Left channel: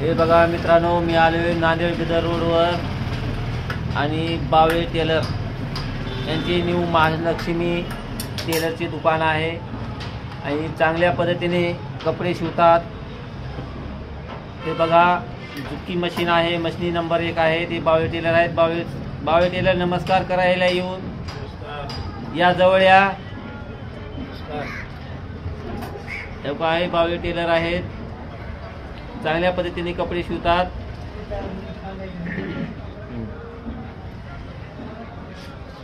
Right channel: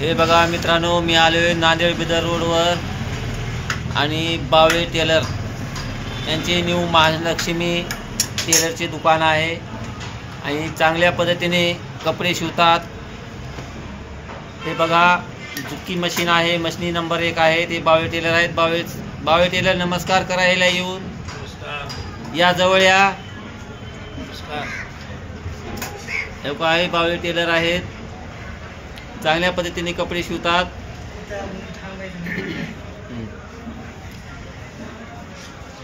हे बघा मित्रांनो, मी आलोय नांदेड बिदर रोडवर आणि बावळे टेलर यांचे न्यू महालक्ष्मी टेलरचे दुकान आहे आणि चांगल्या पद्धतीने कपडे शिवतात। हे बघा जुक्की मशीन आहे, मशीन नंबर 1 आहे। ते बावळे टेलर आहेत। बावळे टेलर नमस्कार करायला येऊन या जवळ या। हे काय बावळे टेलर आहेत, चांगल्या पद्धतीने कपडे शिवतात।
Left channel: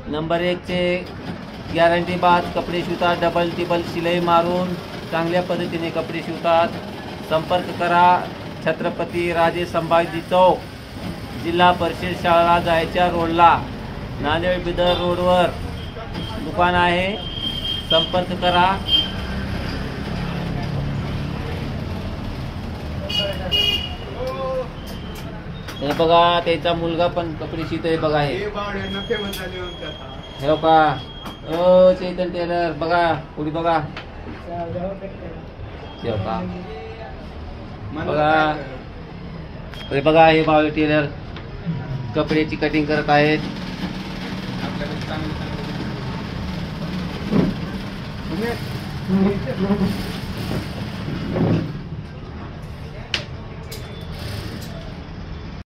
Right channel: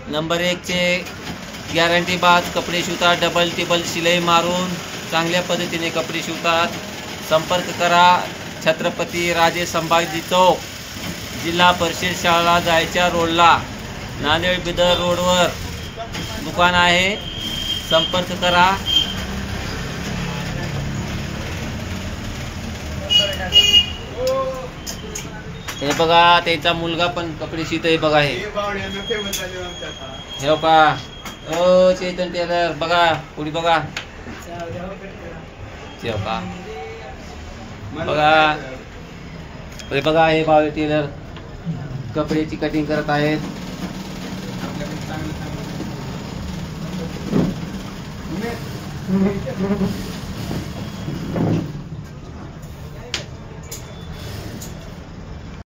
नंबर 1 चे गॅरंटी बाज कपडे शिवतात, डबल टिबल शिलाई मारून चांगल्या पद्धतीने कपडे शिवतात। संपर्क करा छत्रपती राजे संभाजी चौक, जिल्हा परिषद शाळा जायच्या रोडला, नांदेड बिदर रोडवर दुकान आहे। संपर्क करा। हे बघा त्याचा मुलगा पण कपडे शिवतोय बघा। हे का ओ चैतन टेलर बघा, पुढे बघा का बघा। हे बघा हे बावळे टेलर कपड्याची कटिंग करत आहेत।